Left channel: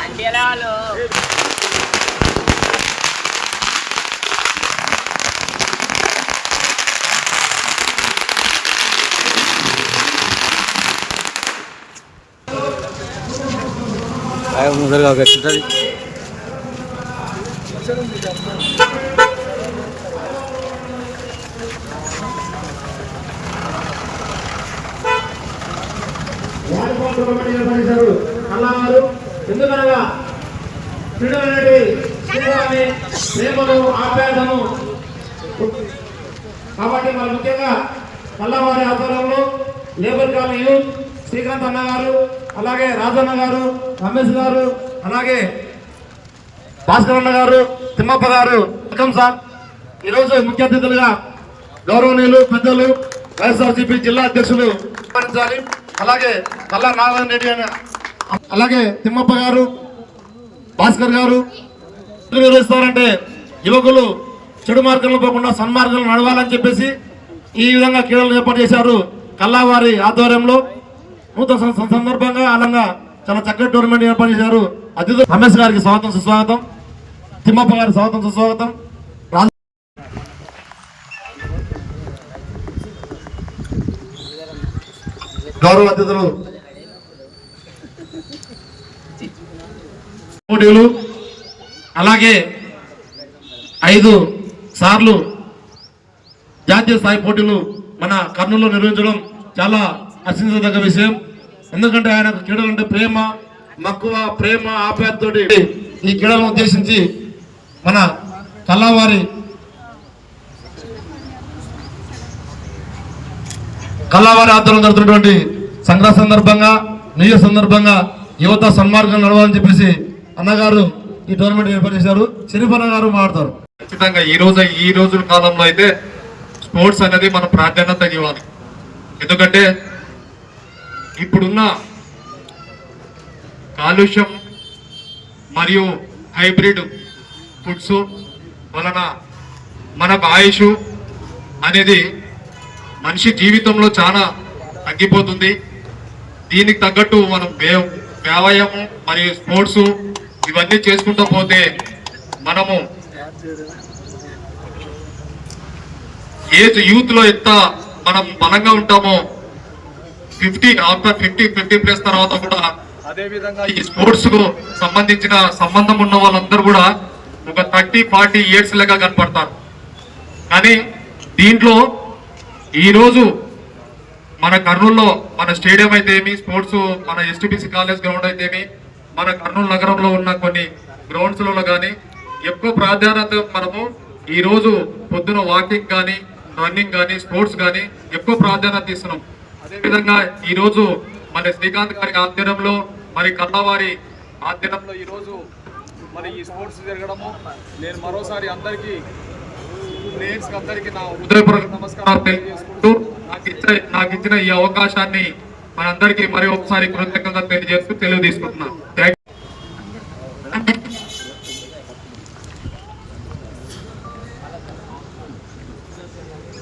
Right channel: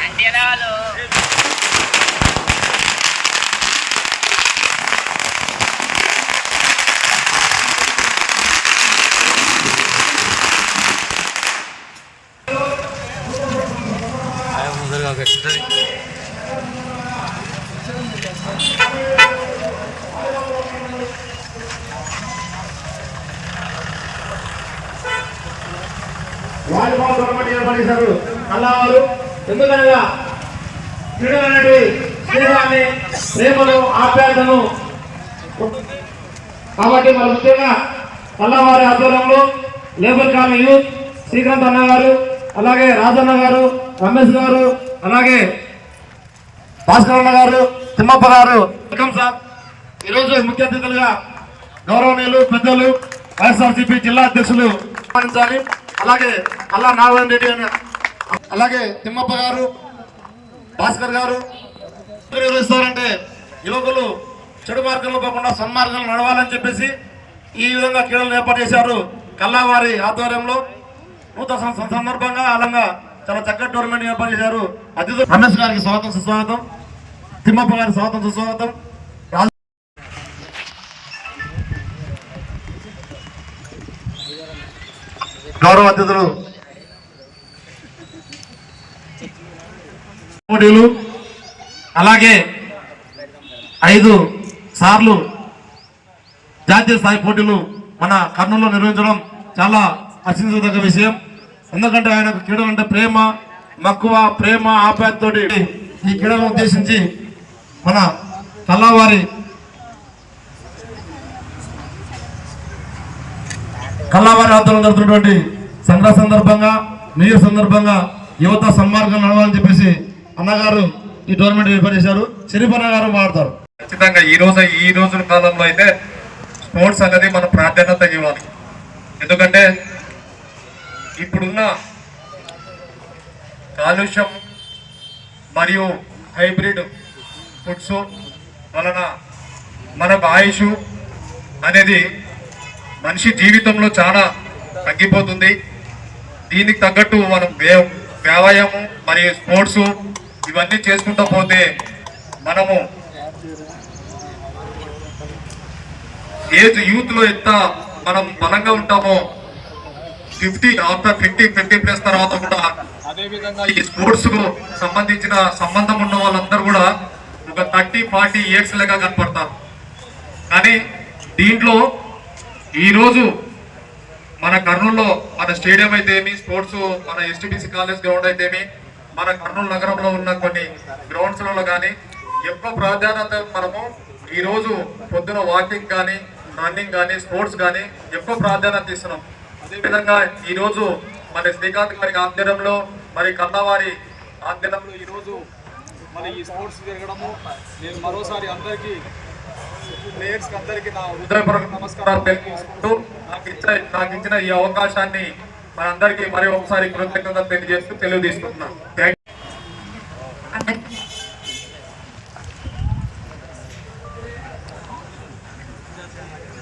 అండిరాలు ముందరగా కట్టుతుంది volleyball tournament ఏర్పాటు చేశారు అల్లవారు. ఎందుకనగా క్రీడలు అనేవి స్నేహాన్ని ప్రేమను ఆప్యాయతను కాబట్టి మరి ముఖ్యంగా అల్లవారి ఆధ్వర్యంలో లేబర్ కాలనీ యూత్ శ్రీకాంత్ అన్న గారు అలాగే రాజన్న గారు రమేష్ గారు అలాగే భాస్కర్ అన్న గారు తిమ్మప్ప గారు వెల్కమ్ సార్. ఈరోజు ముఖ్య అతిథులుగా గౌరవనీయులు పెద్దలు వైఎస్ఆర్సీపీ జిల్లా అధ్యక్షులు ఆహ్వానించాలి అలాగే అల్లా నారాయణ రెడ్డి అలాగే తిమ్మప్ప గారు భాస్కర్ గారు నిర్వహిస్తారంటే యువకులు చెడు మార్గంలో పోకుండా సన్మార్గంలో నడవాలని చెప్పేసి ఈ విధంగా క్రీడలు ఏర్పాటు చేశారు కల్లావారి ఆధ్వర్యంలో. నూతన సందర్భంగా అలాగా చాలా చక్కటి టోర్నమెంట్ ఏర్పాటు చేశారు. అతిథి రమేష్ గారికి స్వాగతం సుస్వాగతం. తిమ్మప్ప గారికి స్వాగతం సుస్వాగతం. రాజు గౌరవ అతిథులు పోటీలు అలాగే ఐదు సార్లు జాతీయ స్థాయి పోటీలు మన కర్నూలులో నిర్వహించడం చాలా హర్షించదగ్గ విషయం. ఎందుకంటే ఆయన క్రీడలు అంటే ప్రేమ మక్కువ ప్రేమ ఆప్యాయతతోటి ఈ క్రీడలను ఉద్దేశించి మన కళావారి కళావారి ఆధ్వర్యంలో జరుగుతున్నటువంటి సంఘ సందర్భంగా నిజ సందర్భంగా యువత సన్మార్గం నడవాలని చెప్పేసి అన్నగారు ఈ టోర్నమెంట్ ఏర్పాటు చేశారు. సిరిపన్న గారు ఖచ్చితంగా ఈ రోజు ఈ రోజుల కాలంలో అయితే స్పోర్ట్స్ అనేది మనం ప్రాధాన్యత ఇవ్వాలి. ఎందుకంటే ఇప్పుడున్న కాలుష్యం మరియు హైబ్రిడ్ ఫుడ్స్ వలన మనకు ఆయుష్ అనేది మనిషి జీవితంలో చాలా తగ్గిపోతుంది. దీనికి తగ్గట్టు మనం వ్యాయామం మరియు స్పోర్ట్స్ ఇవన్నీ చేసుకుంటూ పోతే మనము ఏజ్ యూత్లో ఎంత మనం బలంగా ఉంటామో fifty after fifty fifty plus తర్వాత కూడా అదే విధంగా ఈ స్పోర్ట్స్కు సంబంధించిన సంబంధం ఉన్న వాళ్ళందరూ కూడా ఒక థర్టీ ఫార్టీ ఇయర్స్ లాగా కనపడతారు. కానీ దీంట్లో ఈ రోజు మన కర్నూలులో మన స్టేడియం అయితే ఏమి స్పోర్ట్స్ మన ఎస్టిబిసి కాలేజ్ గ్రౌండ్ అయితే ఏమి మన కర్నూలు నగరంలో ఉన్న కొన్ని గ్రౌండ్స్లో కానీ ఎక్కువ ప్రాధాన్యత మనము ఈరోజు పొద్దున వాకింగ్ కానీ రన్నింగ్ కానీ స్పోర్ట్స్ కానీ ఎక్కువ ప్రాధాన్యత ఇస్తున్నాం. అదేవిధంగా ఈరోజు మన శ్రీకాంత్ గారి ఆధ్వర్యంలో మరి కన్నవారి ఆధ్వర్యంలో ఈరోజు మరి ఈ స్పోర్ట్స్ జరగడము. నేను మరోసారి అందరికీ ప్లేయర్స్ అందరికీ నా హృదయపూర్వక నమస్కారాలు తెలియజేసుకుంటూ నాకు ఇచ్చే నాకు ఇచ్చిన ఈ అవకాశాన్ని మనందరికీ మరి ఒకసారి కృతజ్ఞతగా తెలియజేస్తూ తెలియజేసుకుంటున్నాను తీసుకుంటున్నాం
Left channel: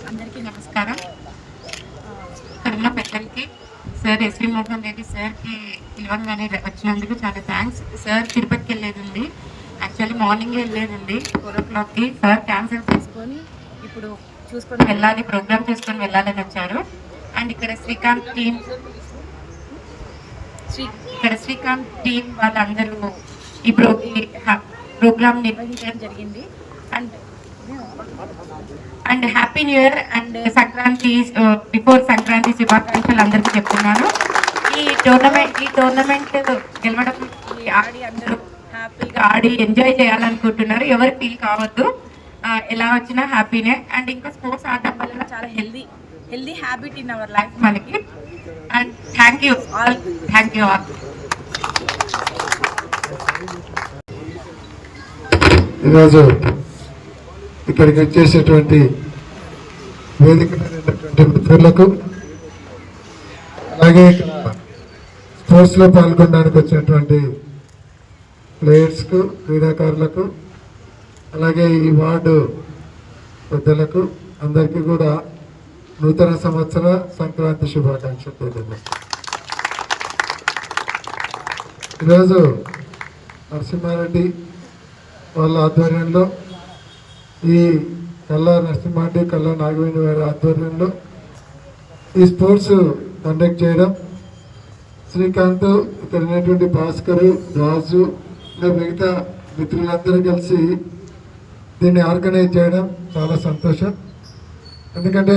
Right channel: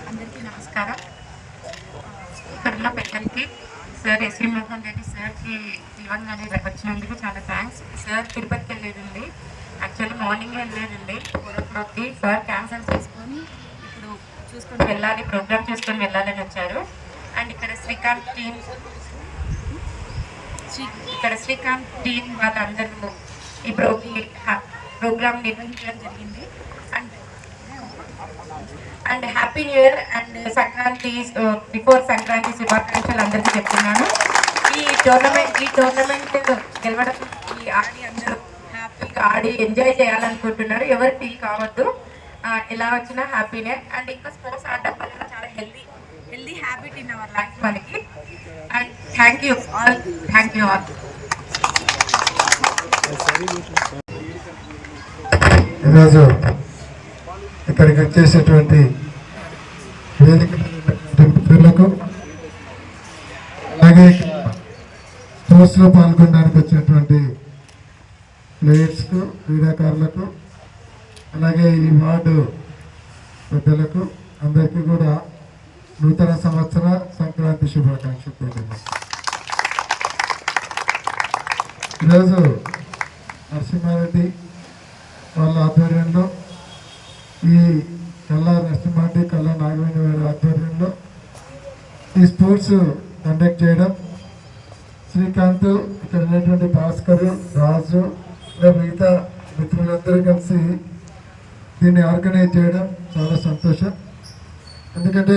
అందరికీ నమస్కారం. ఇక్కడ ఉన్న సార్ ఎస్వి మోహన్ రెడ్డి సార్కి పిలవంగానే వచ్చినందుకు చాలా థ్యాంక్స్ సార్ తిరుపతికి వెళ్ళేదండి. యాక్చువల్లీ మార్నింగ్ వెళ్ళేదండి. ఫోర్ ఓ క్లాక్కి సార్ క్యాన్సిల్ చేసుకొని ఇప్పుడు చూసుకొని వెళ్ళాలి ప్రోగ్రామ్ చూసుకొని వెళ్ళాలని వచ్చారు. అండ్ ఇక్కడ శ్రీకాంత్ టీమ్ శ్రీ ఇక్కడ శ్రీకాంత్ టీం వాళ్ళందరూ ఈ ఈ ప్రోగ్రామ్ నిర్వహించడం జరిగింది. And and happy new year and Sankranti before Sankranti శుభాకాంక్షలు అందరికీ చెప్తున్నాను. ఈ టోర్నమెంట్ ఈ టోర్నమెంట్ గెలవడం ఈ ఆడి అందరూ హ్యాపీగా ఆడి ఎంజాయ్ చేయాలనుకుంటున్నారు. ఎవరు ఫీల్ కావద్దు. ఎలా వచ్చినా హ్యాపీనే అండ్ ఇంకా స్పోర్ట్స్ ఆడడం వల్ల చాలా healthy healthy habit in our life మనకి. And thank you all. Thank you all. ఈరోజు ఇక్కడికి వచ్చేసేటువంటి వేదిక మిత్రులకు అలాగే ఇక్కడ స్పోర్ట్స్లో పాల్గొనడానికి వచ్చినటువంటి ప్లేయర్స్కు క్రీడాకారులకు అలాగే ఈ వార్డు పెద్దలకు అందరికీ కూడా నూతన సంవత్సర సంక్రాంతి శుభాకాంక్షలు తెలియజేస్తాను ఈరోజు నరసింహారెడ్డి వాళ్ళ ఆధ్వర్యంలో ఈ కల్లా నరసింహారెడ్డి కల్లా నాగవేణి వారి ఆధ్వర్యంలో ఈ స్పోర్ట్స్ కండక్ట్ చేయడం శ్రీకాంత్ ఇక్కడ ఉన్నటువంటి భాస్కర్ రాజు ఇంకా మిగతా మిత్రులందరూ కలిసి దీన్ని ఆర్గనైజ్ చేయడం చాలా సంతోషం. ఎందుకంటే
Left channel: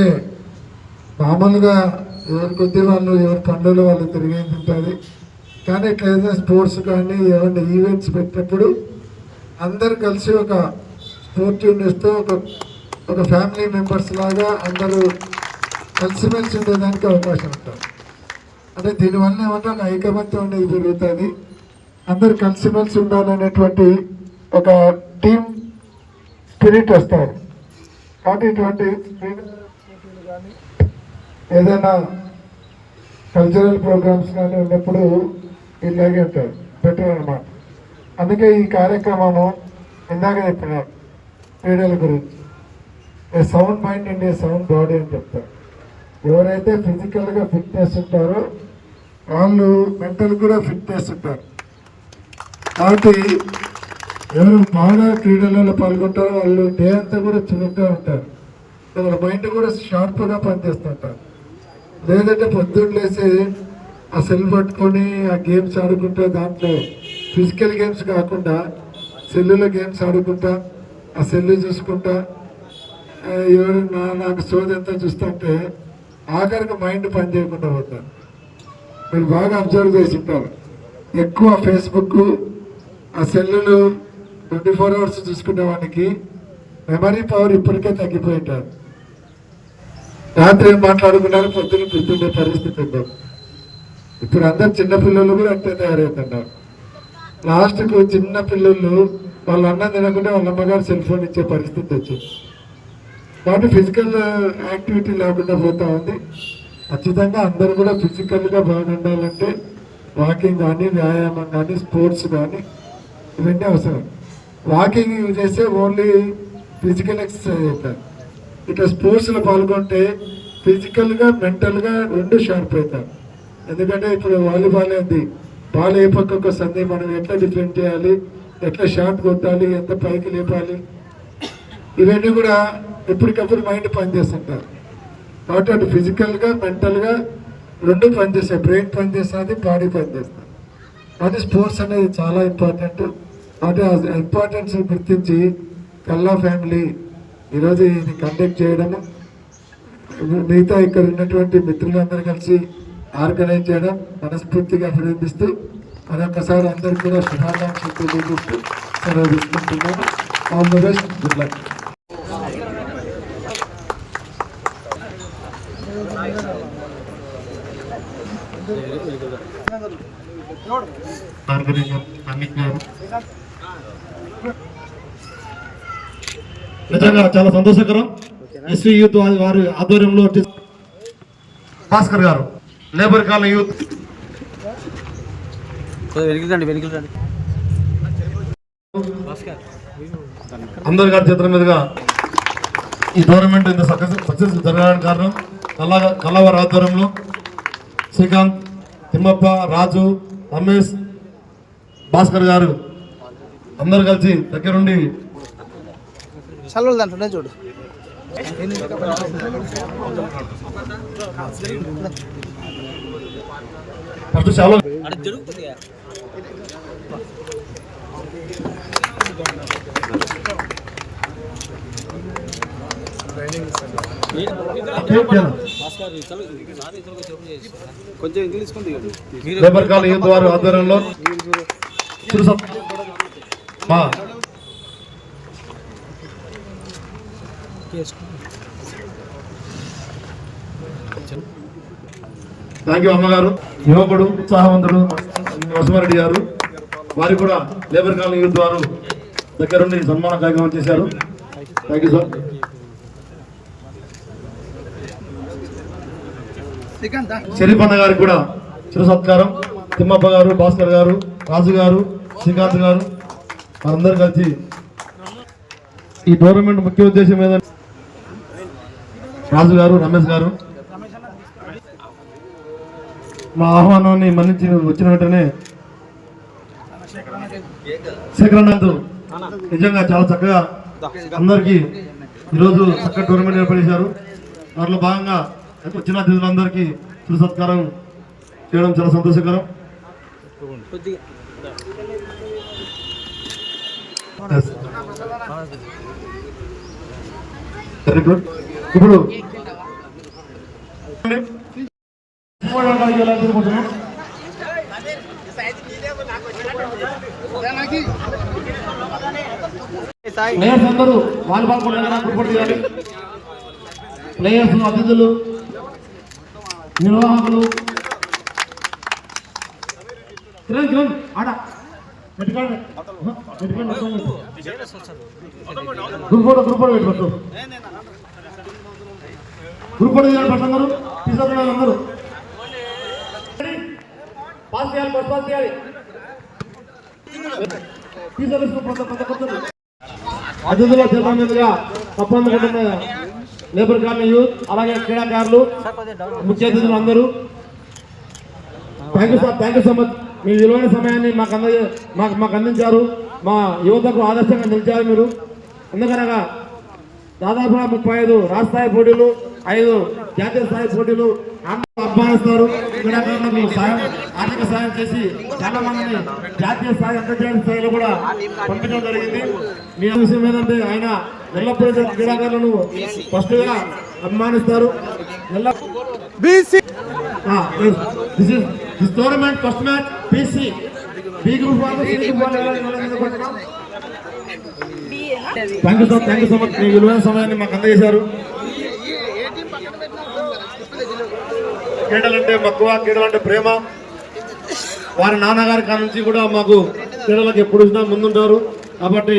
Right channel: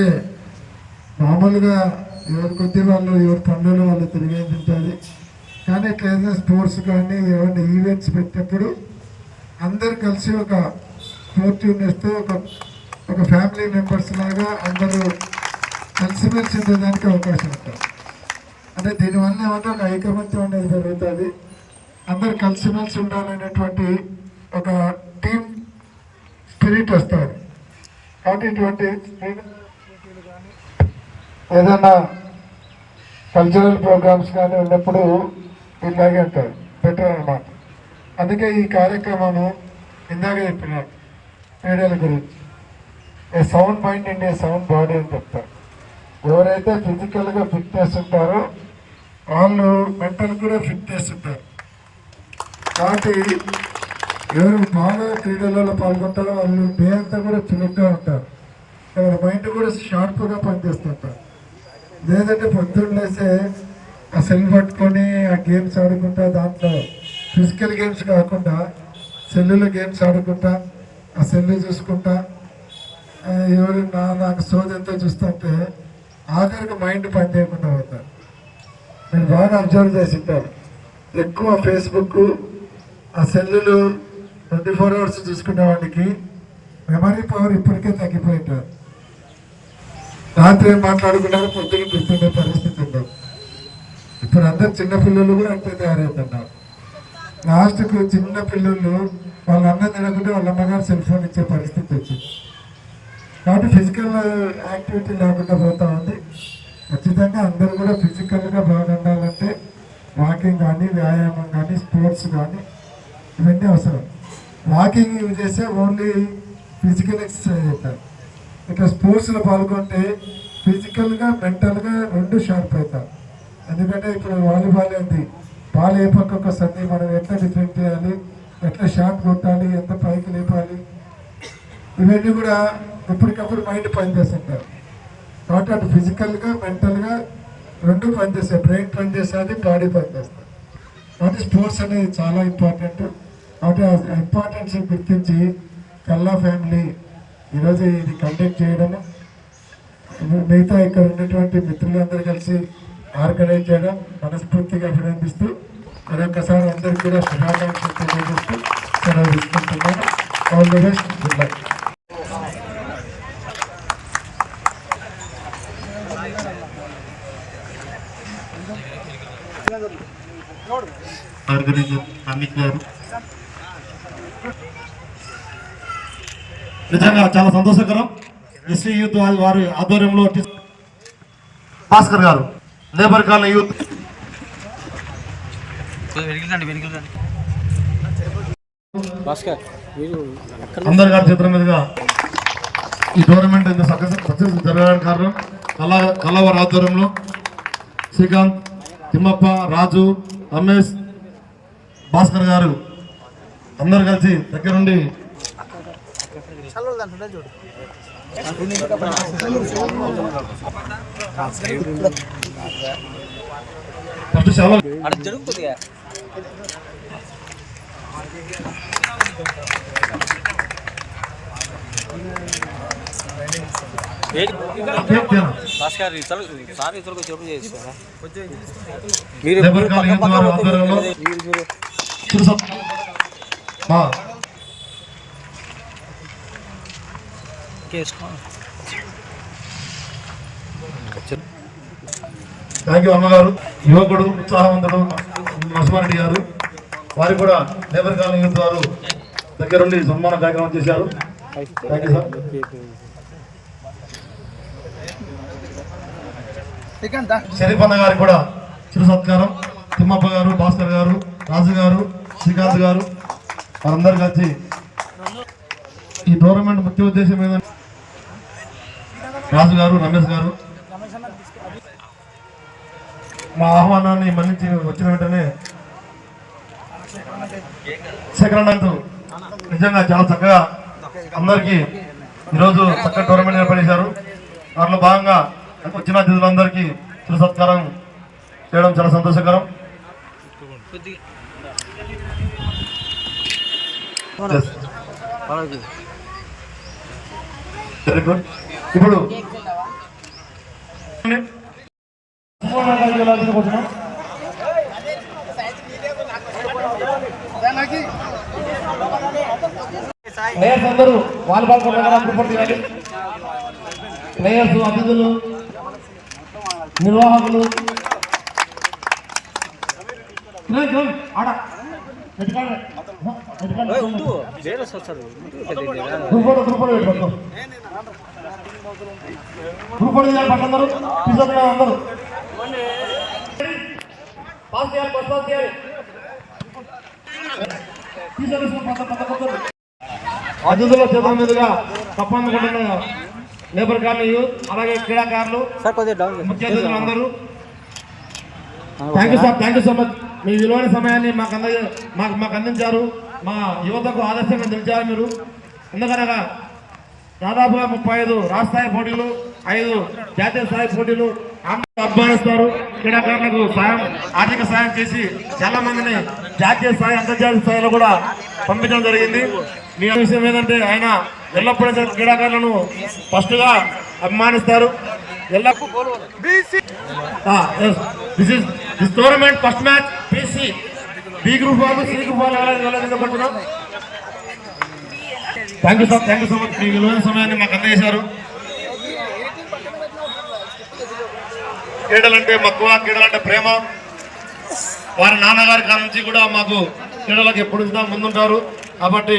మామూలుగా ఎవరి కొద్ది వాళ్ళు ఎవరి పండుగలు వాళ్ళు తిరిగేది ఉంటుంది కానీ ఇట్లా స్పోర్ట్స్ కానీ ఏమైనా ఈవెంట్స్ పెట్టినప్పుడు అందరు కలిసి ఒక స్పోర్టివ్నెస్తో ఒక ఒక ఫ్యామిలీ మెంబర్స్ లాగా అందరూ కలిసిమెలిసి ఉండేదానికి అవకాశం ఉంటుంది. అంటే దీనివల్ల ఏమంటే ఒక ఐకమత్యం అనేది జరుగుతుంది. అందరు కలిసిమెలిసి ఉండాలనేటువంటి ఒక టీం స్పిరిట్ వస్తారు కాబట్టి ఇటువంటి ఏదైనా కల్చరల్ ప్రోగ్రామ్స్ కానీ ఉన్నప్పుడు ఇలాగే ఉంటారు బెటర్ అనమాట అందుకే ఈ కార్యక్రమము ఇందాక చెప్పిన క్రీడల గురించి. A sound mind and a sound body అని చెప్తారు. ఎవరైతే ఫిజికల్గా ఫిట్నెస్ ఉంటారో వాళ్ళు మెంటల్ కూడా ఫిట్నెస్ ఉంటారు కాబట్టి ఎవరు బాగా క్రీడలలో పాల్గొంటారో వాళ్ళు డే కూడా చురుగ్గా ఉంటారు. వాళ్ళ మైండ్ కూడా షార్ప్గా పనిచేస్తుంటారు. లేదంటే పొద్దున్నేసి ఆ సెల్ పట్టుకొని ఆ గేమ్స్ ఆడుకుంటా దాంట్లో ఫిజికల్ గేమ్స్ కాకుండా సెల్లులో గేమ్స్ ఆడుకుంటా ఆ సెల్లు చూసుకుంటా ఎవరు నా నాకు సోదంతో చూస్తుంటే ఆఖరికి మైండ్ పని చేయకుండా పోతారు మీరు బాగా అబ్జర్వ్ చేసి ఉంటారు ఎక్కువ ఫేస్బుక్ ఆ సెల్లులు ట్వంటీ ఫోర్ అవర్స్ చూసుకునే వాడికి మెమరీ పవర్ ఇప్పటికే తగ్గిపోయి ఉంటారు రాత్రి ఏం మాట్లాడుకున్నారు పొద్దున గుర్తుండే పరిస్థితి ఉండదు. ఇప్పుడు అందరు చిన్న పిల్లలు కూడా అంటే తయారవుతున్నారు లాస్ట్కు చిన్న పిల్లలు వాళ్ళు అన్నం తినకుండా వాళ్ళ అమ్మగారు సెల్ ఫోన్ ఇచ్చే పరిస్థితి వచ్చింది. కాబట్టి ఫిజికల్ యాక్టివిటీ లేకుండా పోతా ఉంది. ఖచ్చితంగా అందరూ కూడా ఫిజికల్గా బాగుండాలంటే వాకింగ్ కానీ వ్యాయామం కానీ స్పోర్ట్స్ కానీ ఇవన్నీ అవసరం. వాకింగ్ యూజ్ చేస్తే ఓన్లీ ఫిజికల్ ఎక్సర్సైజ్ అవుతారు ఇట్లా స్పోర్ట్స్లో పాల్గొంటే ఫిజికల్గా మెంటల్గా రెండు షార్ప్ అవుతారు ఎందుకంటే ఇప్పుడు వాలీబాల్ ఏంది? బాల్ ఏ పక్కకు సంది మనం ఎట్లా డిఫెండ్ చేయాలి? ఎట్లా షాట్ కొట్టాలి? ఎంత పైకి లేపాలి? ఇవన్నీ కూడా ఎప్పటికప్పుడు మైండ్ పనిచేస్తుంటారు. కాబట్టి అటు ఫిజికల్గా మెంటల్గా రెండు పనిచేస్తాయి. బ్రెయిన్ పనిచేస్తుంది బాడీ పనిచేస్తుంది. కాబట్టి స్పోర్ట్స్ అనేది చాలా ఇంపార్టెంట్. కాబట్టి ఆ ఇంపార్టెన్స్ గుర్తించి కల్లా ఫ్యామిలీ ఈరోజు ఇది కండక్ట్ చేయడము. మిగతా ఇక్కడ ఉన్నటువంటి మిత్రులందరూ కలిసి ఆర్గనైజ్ చేయడం మనస్ఫూర్తిగా అభినందిస్తూ మరొకసారి అందరికీ కూడా శుభాకాంక్షలు తెలియజేస్తూ సెలవు తీసుకుంటున్నాను all the best good luck organiser Amit గారు. నిజంగా చాలా సంతోషకరం. ఎస్వి యూత్ వారి ఆధ్వర్యంలో భాస్కర్ గారు లేబర్ కాలనీ యూత్. అందరి గారి చేతుల మీదుగా ఈ టోర్నమెంట్ ఇంత సక్సెస్ సక్సెస్ జరగడానికి కారణం కళా కళావారి ఆధ్వర్యంలో శ్రీకాంత్ తిమ్మప్ప రాజు రమేష్ భాస్కర్ గారు అందరు కలిసి దగ్గరుండి చల్లలు దాంట్లో చూడు. జరుగుతుంది కేక్ చేయాలి. భాస్కర్ ఇతరులు సార్ ఇతరులకు చెప్పు చేస్తారా కొంచెం ఇది తీసుకుంది లేబర్ కాల్ యూత్ వారు ఆధ్వర్యంలో చిరుసత్- మా థ్యాంక్ యూ అమ్మగారు. యువకుడు ఉత్సాహవంతుడు నరసింహారెడ్డి గారు. వారు కూడా లేబర్ కాలనీ యూత్ వారు దగ్గరుండి సన్మాన కార్యక్రమం చేశారు. థ్యాంక్ యూ సార్ శరీఫన్న గారు గారికి కూడా చిరు సత్కారం. తిమ్మప్ప గారు భాస్కర్ గారు రాజు గారు శ్రీకాంత్ గారు వారందరూ కలిసి ఈ టోర్నమెంట్ ముఖ్య ఉద్దేశం ఏంటంటే రాజు గారు రమేష్ గారు. మా ఆహ్వానాన్ని మన్నించి వచ్చిన వెంటనే శేఖరానంద్ నిజంగా చాలా చక్కగా అందరికీ ఈరోజు చక్కగా టోర్నమెంట్ ఏర్పడేశారు. దాంట్లో భాగంగా వచ్చిన అతిథులందరికీ చిరు సత్కారం చేయడం చాలా సంతోషకరం. వెరీ గుడ్ ఇప్పుడు ప్లేయర్స్ అందరూ వాలీబాల్ కోర్ట్ రిపోర్ట్ చేయాలి ప్లేయర్స్ అతిథులు నిర్వాహకులు. కిరణ్ కిరణ్ ఆడ. గ్రూప్ ఫోటో గ్రూప్ ఫోటో పెట్టుకోవచ్చు గ్రూప్. ఫోటో చేయాలి పట్టు అందరూ. తీసుకున్నారు అందరూ. పాస్ చేయాలి బస్ పాస్ అతిథుల చేతుల మీదుగా కప్పు అందుకుంటున్న లేబర్ యూత్ అలాగే క్రీడాకారులు ముఖ్య అతిథులు అందరూ. Thank you sir thank you so much మీ విలువైన సమయాన్ని మాకు అంద మాకు మాకు అందించారు. మా యువతకు ఆదర్శంగా నిలిచారు మీరు. ఎందుకనగా దాదాపుగా ముప్పై ఐదు రాష్ట్ర స్థాయి పోటీలు ఐదు జాతీయ స్థాయి పోటీలు అందరూ అభిమానిస్తారు. క్రీడాకారులకు సాయం ఆర్థిక సాయం చేసి చాలా మందిని జాతీయ స్థాయి అంతర్జాతీయ స్థాయిలో కూడా పంపించడం జరిగింది. మీ విషయం ఏంటంటే ఆయన ఎల్లప్పుడూ క్రీడాకారులను ఫస్ట్గా అభిమానిస్తారు ఎల్లప్పుడూ Ah, tournament first match PC B group వాళ్ళు సి గ్రూప్ వాళ్ళు thank you sir thank you so much మీ విలువైన సమయాన్ని మాకు అందజేశారు. క్రీడలంటే మక్కువ క్రీడలంటే ప్రేమ. వారి నాన్నగారి కాడ నుంచి కూడా మాకు క్రీడలకు ఎప్పుడు చూసినా ముందుంటారు. కాబట్టి